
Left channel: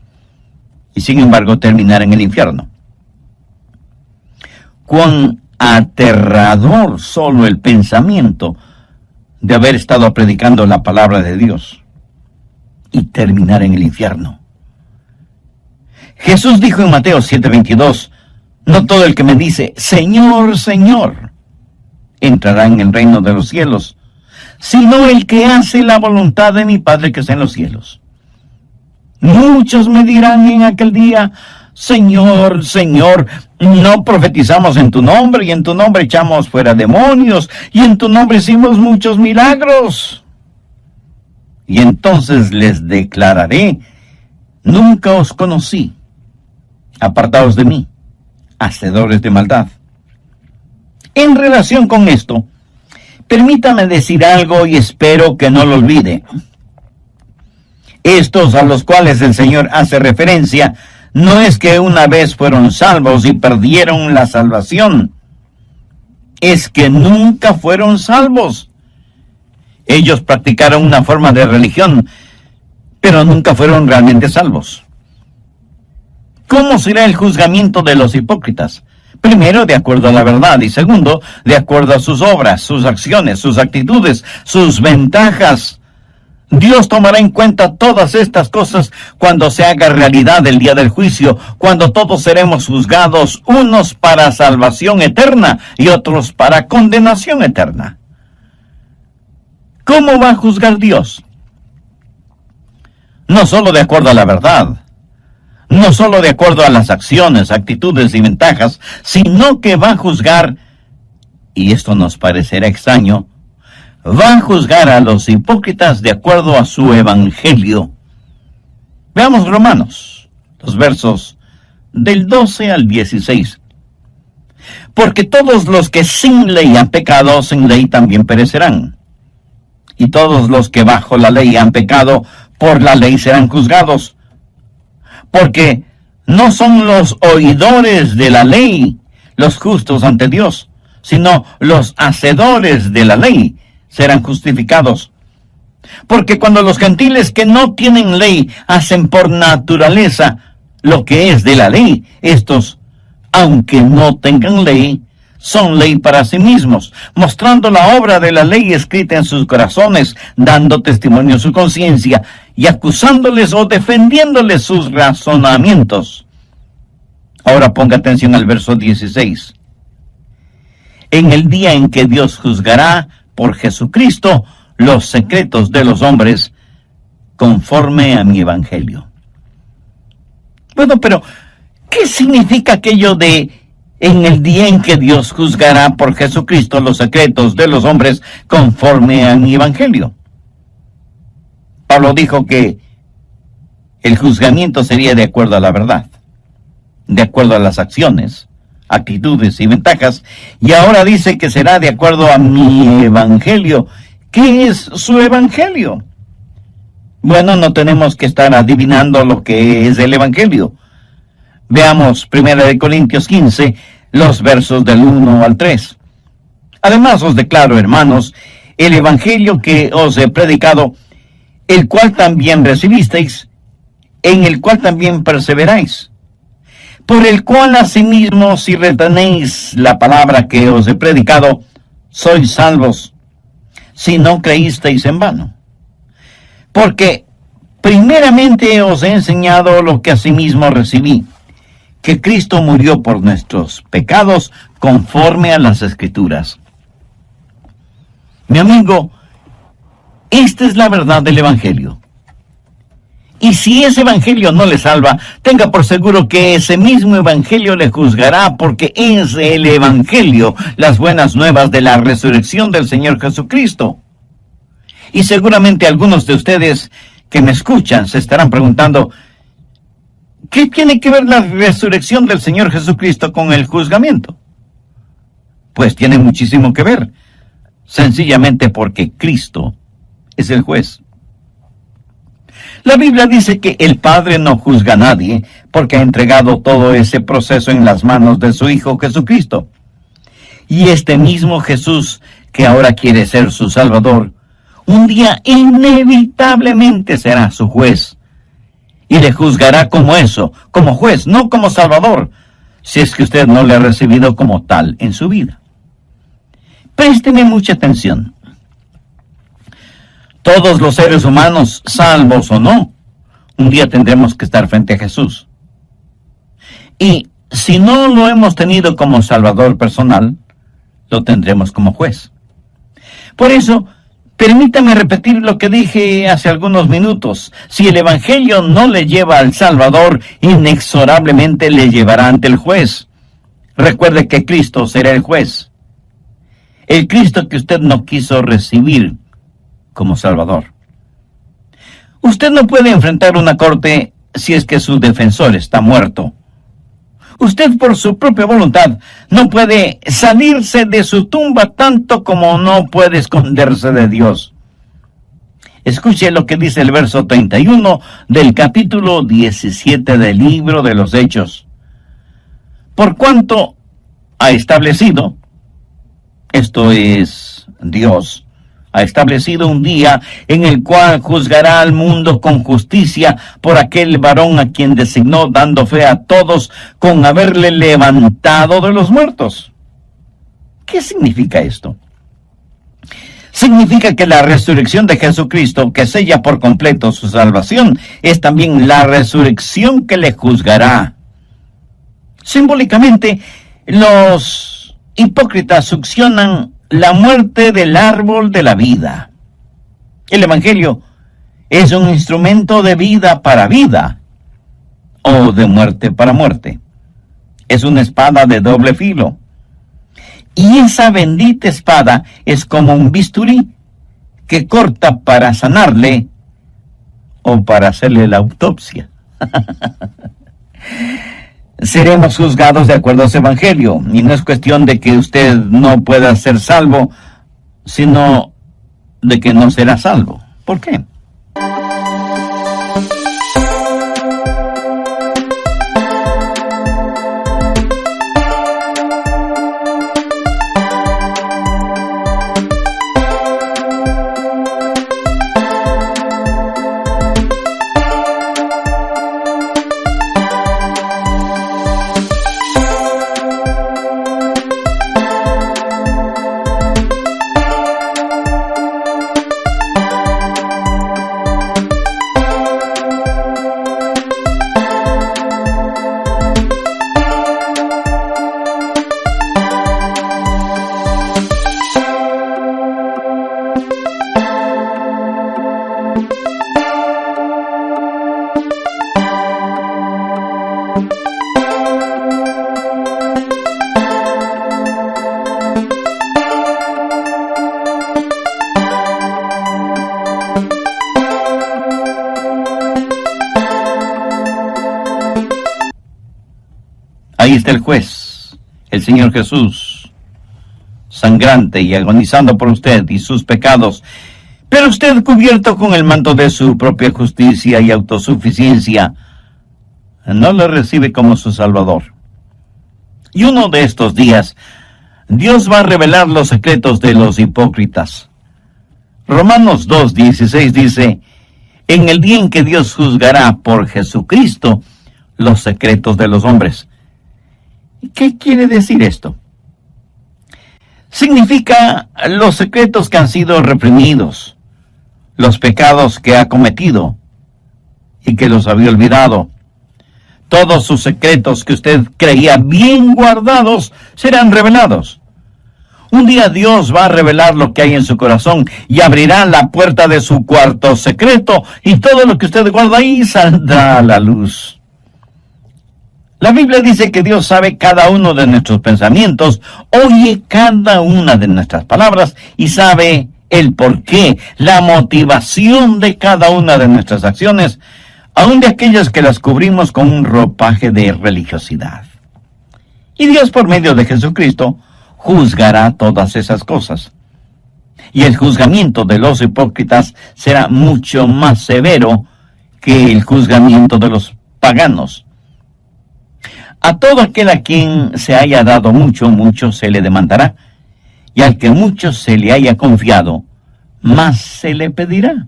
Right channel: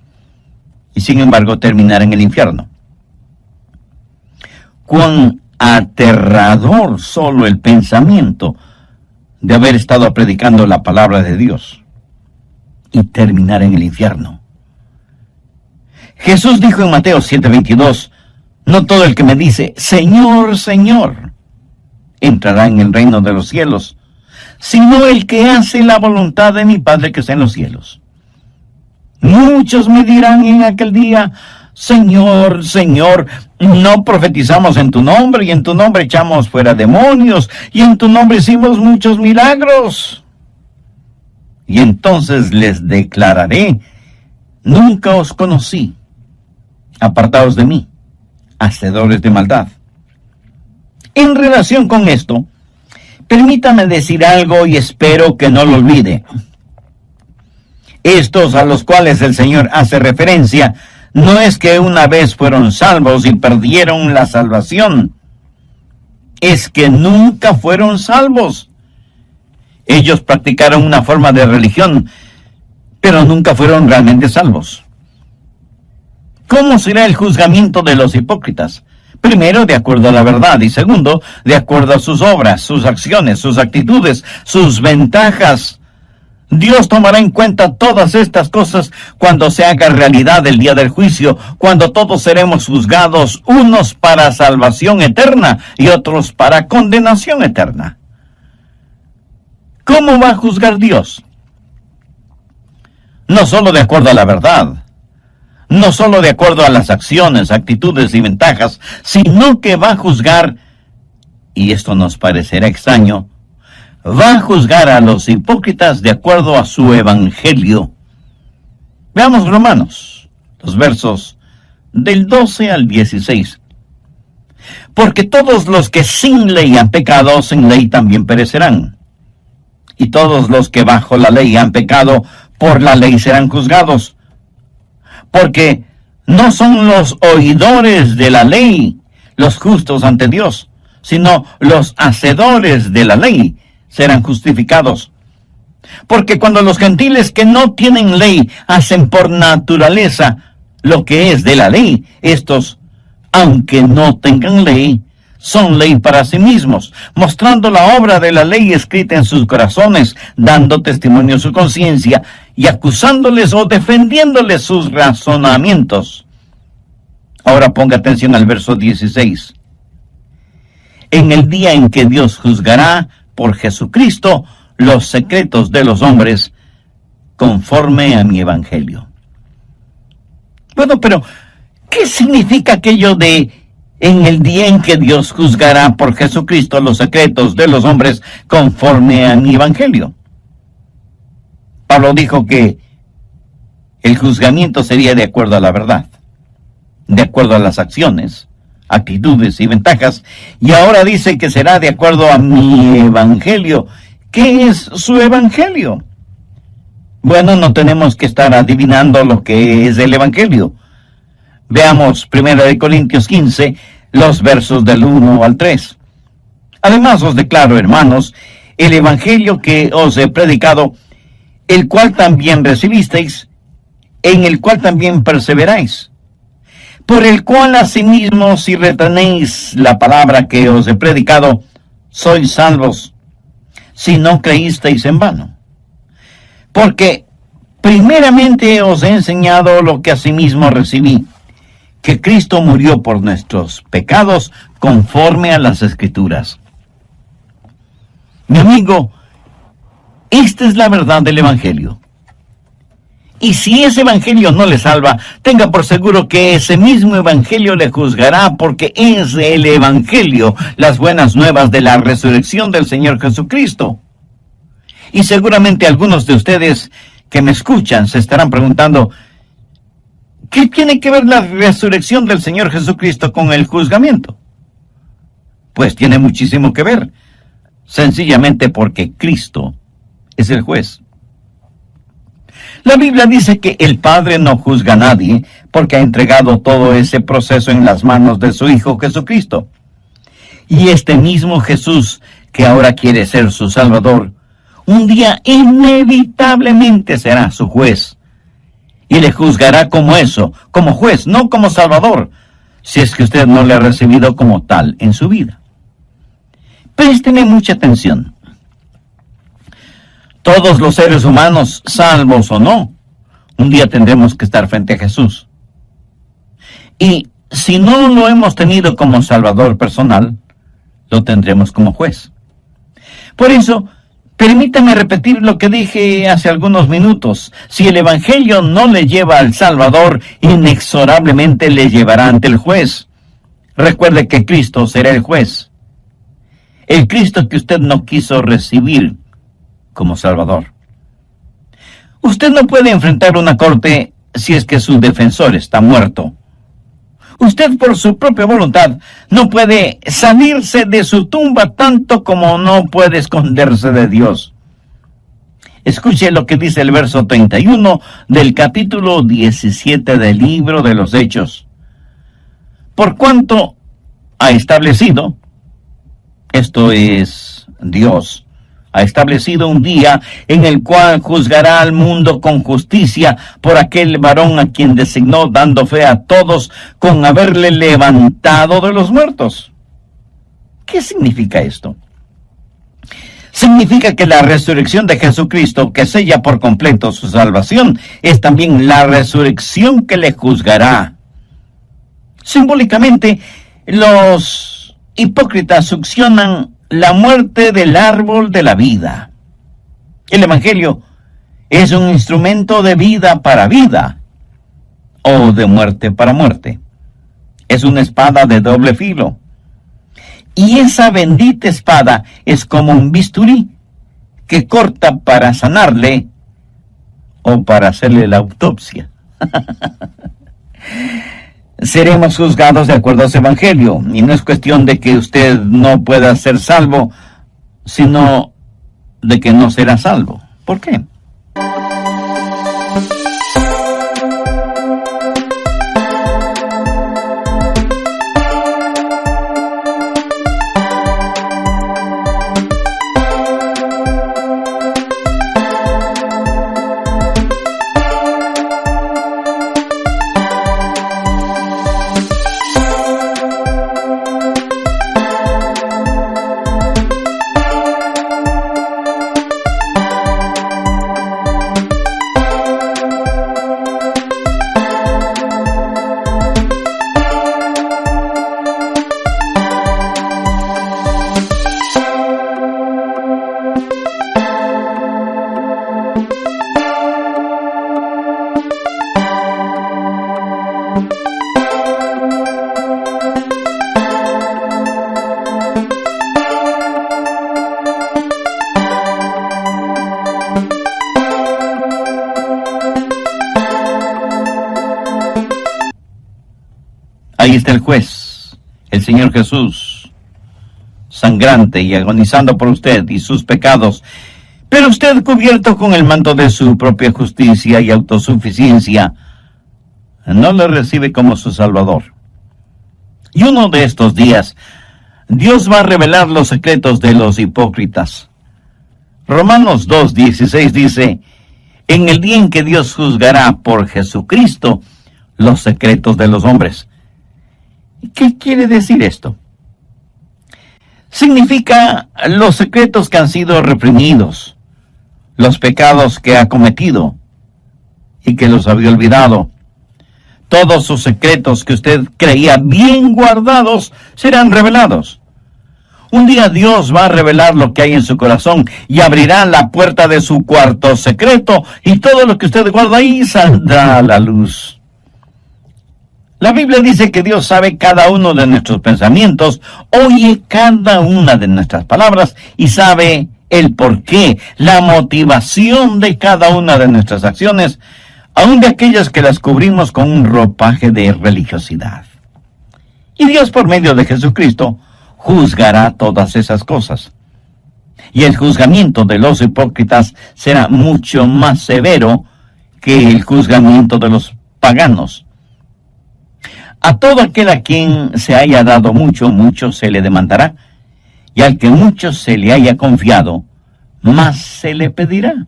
y sin embargo terminar en el infierno. Cuán aterrador solo el pensamiento de haber estado predicando la palabra de Dios y terminar en el infierno. Jesús dijo en Mateo 7:22, no todo el que me dice, Señor, Señor, entrará en el reino de los cielos, sino el que hace la voluntad de mi Padre que está en los cielos. Muchos me dirán en aquel día, Señor, Señor, no profetizamos en tu nombre, y en tu nombre echamos fuera demonios, y en tu nombre hicimos muchos milagros. Y entonces les declararé, nunca os conocí. Apartaos de mí, hacedores de maldad. En relación con esto, permítame decir algo y espero que no lo olvide. Estos a los cuales el Señor hace referencia, no es que una vez fueron salvos y perdieron la salvación, es que nunca fueron salvos. Ellos practicaron una forma de religión, pero nunca fueron realmente salvos. ¿Cómo será el juzgamiento de los hipócritas? Primero, de acuerdo a la verdad, y segundo, de acuerdo a sus obras, sus acciones, sus actitudes, sus ventajas. Dios tomará en cuenta todas estas cosas cuando se haga realidad el día del juicio, cuando todos seremos juzgados, unos para salvación eterna y otros para condenación eterna. ¿Cómo va a juzgar Dios? No solo de acuerdo a la verdad, no solo de acuerdo a las acciones, actitudes y ventajas, sino que va a juzgar, y esto nos parecerá extraño, va a juzgar a los hipócritas de acuerdo a su evangelio. Veamos Romanos, los versos del 12 al 16. Porque todos los que sin ley han pecado, sin ley también perecerán. Y todos los que bajo la ley han pecado, por la ley serán juzgados. Porque no son los oidores de la ley los justos ante Dios, sino los hacedores de la ley serán justificados. Porque cuando los gentiles que no tienen ley hacen por naturaleza lo que es de la ley, estos, aunque no tengan ley, son ley para sí mismos, mostrando la obra de la ley escrita en sus corazones, dando testimonio a su conciencia y acusándoles o defendiéndoles sus razonamientos. Ahora ponga atención al verso 16. En el día en que Dios juzgará por Jesucristo los secretos de los hombres, conforme a mi evangelio. Bueno, pero ¿qué significa aquello de en el día en que Dios juzgará por Jesucristo los secretos de los hombres conforme a mi evangelio? Pablo dijo que el juzgamiento sería de acuerdo a la verdad, de acuerdo a las acciones, actitudes y ventajas, y ahora dice que será de acuerdo a mi evangelio. ¿Qué es su evangelio? Bueno, no tenemos que estar adivinando lo que es el evangelio. Veamos 1 Corintios 15, los versos del 1 al 3. Además os declaro, hermanos, el evangelio que os he predicado, el cual también recibisteis, en el cual también perseveráis, por el cual asimismo si retenéis la palabra que os he predicado, sois salvos, si no creísteis en vano. Porque primeramente os he enseñado lo que asimismo recibí, que Cristo murió por nuestros pecados conforme a las Escrituras. Mi amigo, esta es la verdad del Evangelio. Y si ese Evangelio no le salva, tenga por seguro que ese mismo Evangelio le juzgará, porque es el Evangelio, las buenas nuevas de la resurrección del Señor Jesucristo. Y seguramente algunos de ustedes que me escuchan se estarán preguntando, ¿qué tiene que ver la resurrección del Señor Jesucristo con el juzgamiento? Pues tiene muchísimo que ver, sencillamente porque Cristo es el juez. La Biblia dice que el Padre no juzga a nadie porque ha entregado todo ese proceso en las manos de su Hijo Jesucristo. Y este mismo Jesús, que ahora quiere ser su Salvador, un día inevitablemente será su juez. Y le juzgará como eso, como juez, no como Salvador, si es que usted no le ha recibido como tal en su vida. Présteme mucha atención. Todos los seres humanos, salvos o no, un día tendremos que estar frente a Jesús. Y si no lo hemos tenido como Salvador personal, lo tendremos como juez. Por eso, permítame repetir lo que dije hace algunos minutos. Si el Evangelio no le lleva al Salvador, inexorablemente le llevará ante el juez. Recuerde que Cristo será el juez. El Cristo que usted no quiso recibir como Salvador. Usted no puede enfrentar una corte si es que su defensor está muerto. Usted por su propia voluntad no puede salirse de su tumba tanto como no puede esconderse de Dios. Escuche lo que dice el verso 31 del capítulo 17 del libro de los Hechos. Por cuanto ha establecido, esto es Dios, ha establecido un día en el cual juzgará al mundo con justicia por aquel varón a quien designó, dando fe a todos con haberle levantado de los muertos. ¿Qué significa esto? Significa que la resurrección de Jesucristo, que sella por completo su salvación, es también la resurrección que le juzgará. Simbólicamente, los hipócritas succionan la muerte del árbol de la vida. El Evangelio es un instrumento de vida para vida, o de muerte para muerte. Es una espada de doble filo. Y esa bendita espada es como un bisturí que corta para sanarle o para hacerle la autopsia. Seremos juzgados de acuerdo a su evangelio, y no es cuestión de que usted no pueda ser salvo, sino de que no será salvo. ¿Por qué? Ahí está el juez, el Señor Jesús, sangrante y agonizando por usted y sus pecados, pero usted, cubierto con el manto de su propia justicia y autosuficiencia, no le recibe como su Salvador. Y uno de estos días, Dios va a revelar los secretos de los hipócritas. Romanos 2:16 dice: en el día en que Dios juzgará por Jesucristo los secretos de los hombres. ¿Qué quiere decir esto? Significa los secretos que han sido reprimidos, los pecados que ha cometido y que los había olvidado. Todos sus secretos que usted creía bien guardados serán revelados. Un día Dios va a revelar lo que hay en su corazón y abrirá la puerta de su cuarto secreto, y todo lo que usted guarda ahí saldrá a la luz. La Biblia dice que Dios sabe cada uno de nuestros pensamientos, oye cada una de nuestras palabras y sabe el porqué, la motivación de cada una de nuestras acciones, aun de aquellas que las cubrimos con un ropaje de religiosidad. Y Dios, por medio de Jesucristo, juzgará todas esas cosas. Y el juzgamiento de los hipócritas será mucho más severo que el juzgamiento de los paganos. A todo aquel a quien se haya dado mucho, mucho se le demandará, y al que mucho se le haya confiado, más se le pedirá.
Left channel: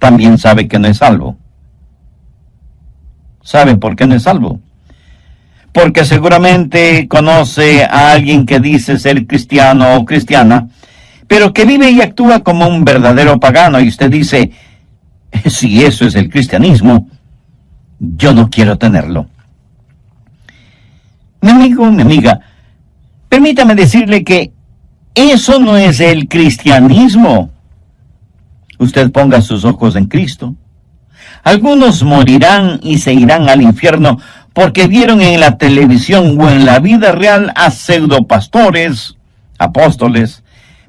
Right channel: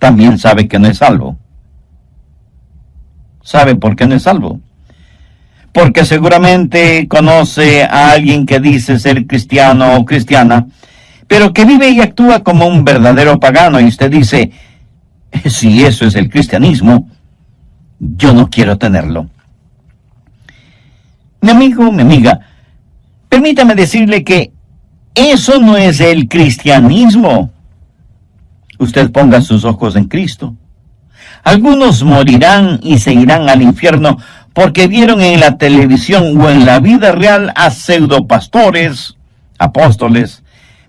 También sabe que no es salvo. ¿Sabe por qué no es salvo? Porque seguramente conoce a alguien que dice ser cristiano o cristiana, pero que vive y actúa como un verdadero pagano, y usted dice: si eso es el cristianismo, yo no quiero tenerlo. Mi amigo, mi amiga, permítame decirle que eso no es el cristianismo. Usted ponga sus ojos en Cristo. Algunos morirán y se irán al infierno porque vieron en la televisión o en la vida real a pseudopastores, apóstoles,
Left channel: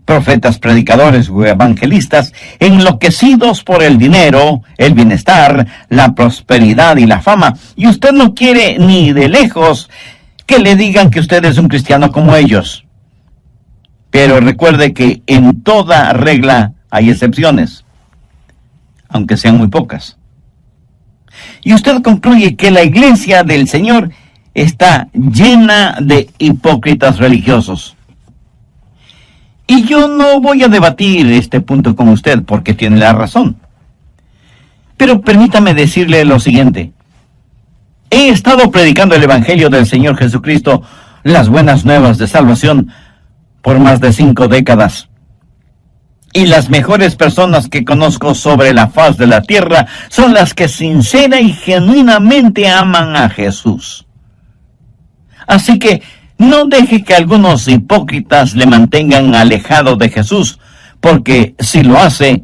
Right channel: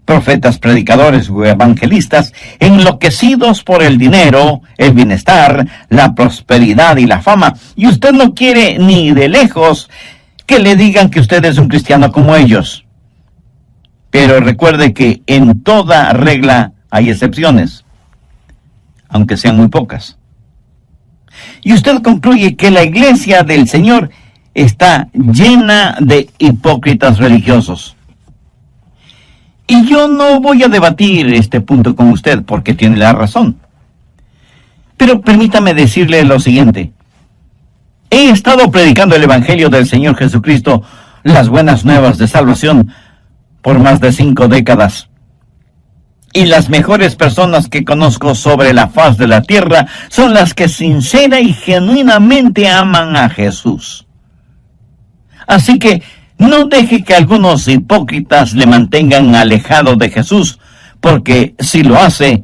profetas, predicadores o evangelistas enloquecidos por el dinero, el bienestar, la prosperidad y la fama. Y usted no quiere ni de lejos que le digan que usted es un cristiano como ellos. Pero recuerde que en toda regla hay excepciones, aunque sean muy pocas. Y usted concluye que la iglesia del Señor está llena de hipócritas religiosos. Y yo no voy a debatir este punto con usted porque tiene la razón. Pero permítame decirle lo siguiente. He estado predicando el Evangelio del Señor Jesucristo, las buenas nuevas de salvación, por más de 5 décadas. Y las mejores personas que conozco sobre la faz de la tierra son las que sincera y genuinamente aman a Jesús. Así que no deje que algunos hipócritas le mantengan alejado de Jesús, porque si lo hace,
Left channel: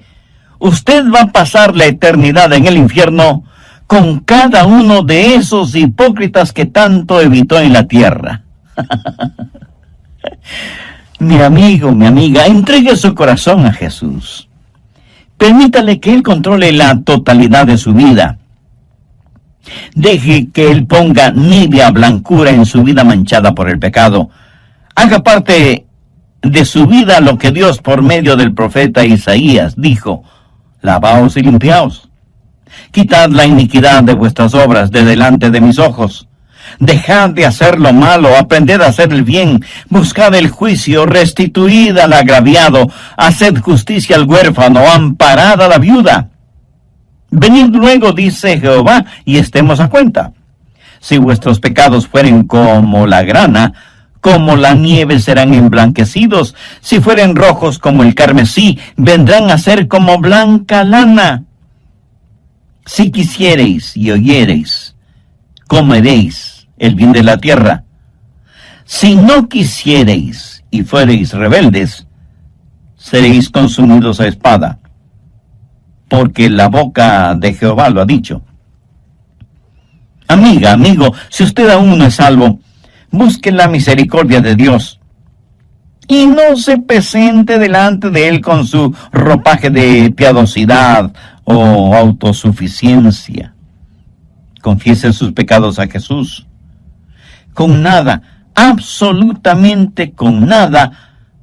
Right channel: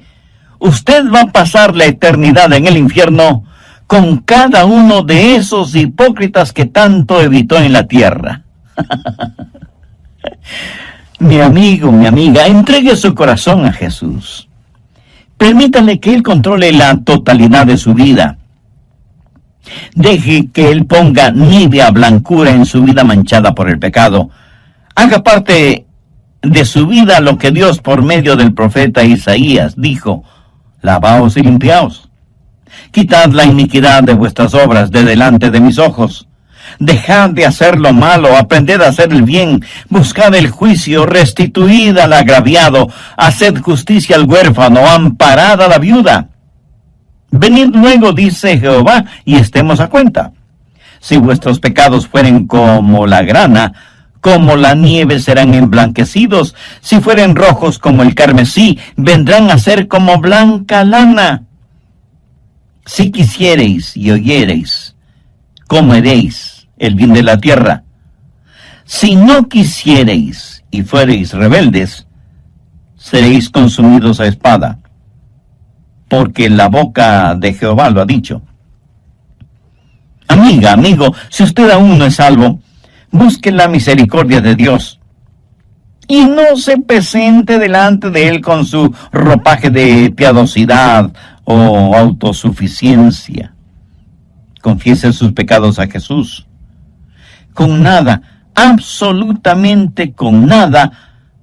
usted va a pasar la eternidad en el infierno con cada uno de esos hipócritas que tanto evitó en la tierra. Mi amigo, mi amiga, entregue su corazón a Jesús. Permítale que Él controle la totalidad de su vida. Deje que Él ponga nívea blancura en su vida manchada por el pecado. Haga parte de su vida lo que Dios por medio del profeta Isaías dijo: lavaos y limpiaos. Quitad la iniquidad de vuestras obras de delante de mis ojos. Dejad de hacer lo malo, aprended a hacer el bien, buscad el juicio, restituid al agraviado, haced justicia al huérfano, amparad a la viuda. Venid luego, dice Jehová, y estemos a cuenta. Si vuestros pecados fueren como la grana, como la nieve serán emblanquecidos. Si fueren rojos como el carmesí, vendrán a ser como blanca lana. Si quisiereis y oyereis, comeréis el bien de la tierra. Si no quisiereis y fuereis rebeldes, seréis consumidos a espada, porque la boca de Jehová lo ha dicho. Amiga, amigo, si usted aún no es salvo, busque la misericordia de Dios y no se presente delante de Él con su ropaje de piadosidad o autosuficiencia. Confiese sus pecados a Jesús. Con nada, absolutamente con nada,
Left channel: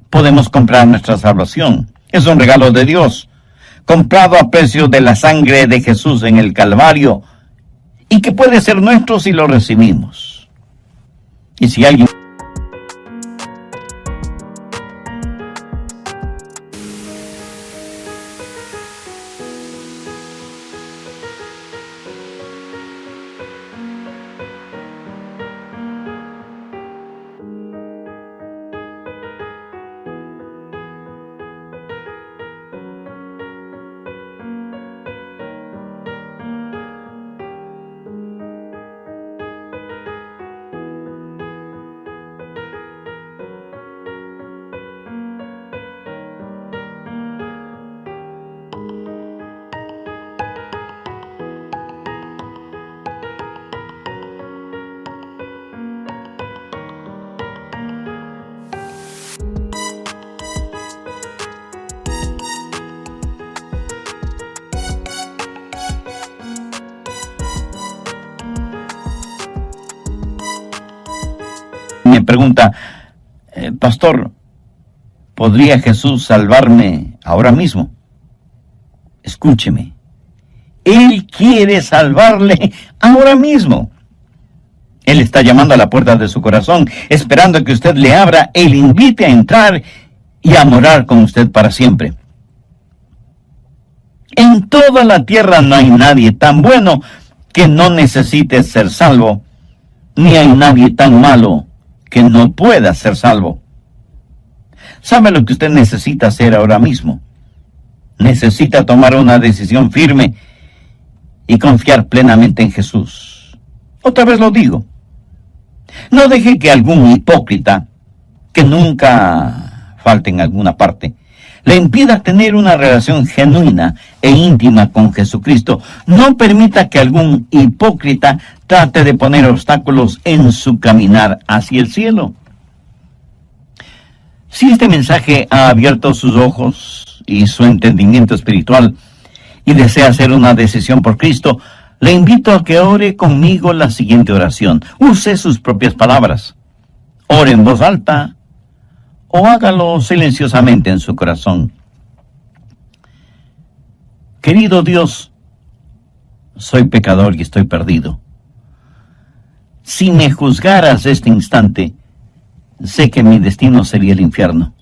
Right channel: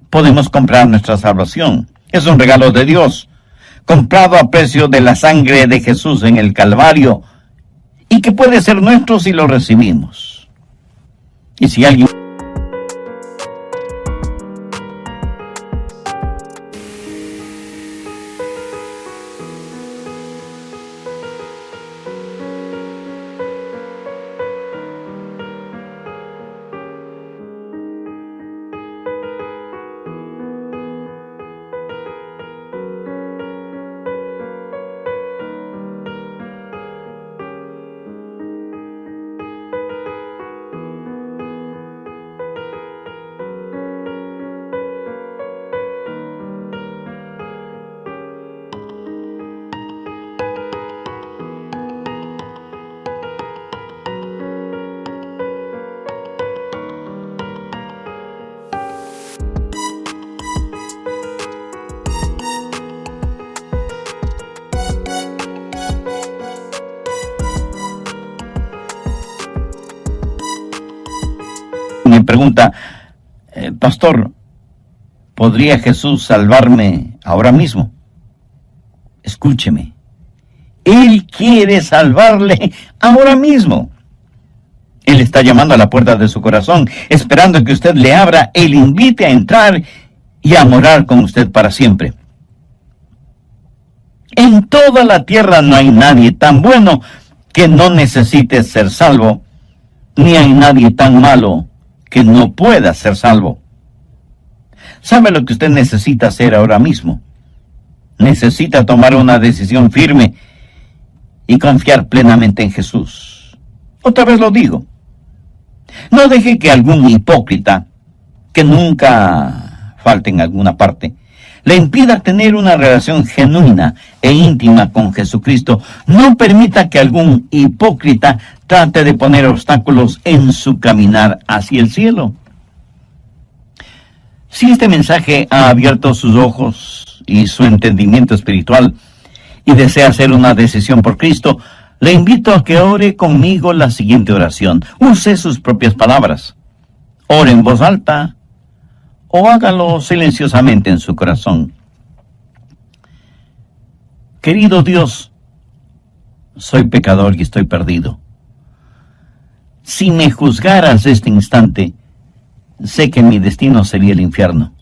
podemos comprar nuestra salvación. Es un regalo de Dios, comprado a precio de la sangre de Jesús en el Calvario, y que puede ser nuestro si lo recibimos. Y si alguien... me pregunta, pastor, ¿podría Jesús salvarme ahora mismo? Escúcheme, Él quiere salvarle ahora mismo. Él está llamando a la puerta de su corazón, esperando que usted le abra e le invite a entrar y a morar con usted para siempre. En toda la tierra no hay nadie tan bueno que no necesite ser salvo, ni hay nadie tan malo que no pueda ser salvo. ¿Sabe lo que usted necesita hacer ahora mismo? Necesita tomar una decisión firme y confiar plenamente en Jesús. Otra vez lo digo. No deje que algún hipócrita, que nunca falte en alguna parte, le impida tener una relación genuina e íntima con Jesucristo. No permita que algún hipócrita trate de poner obstáculos en su caminar hacia el cielo. Si este mensaje ha abierto sus ojos y su entendimiento espiritual y desea hacer una decisión por Cristo, le invito a que ore conmigo la siguiente oración. Use sus propias palabras. Ore en voz alta o hágalo silenciosamente en su corazón. Querido Dios, soy pecador y estoy perdido. Si me juzgaras este instante, sé que mi destino sería el infierno.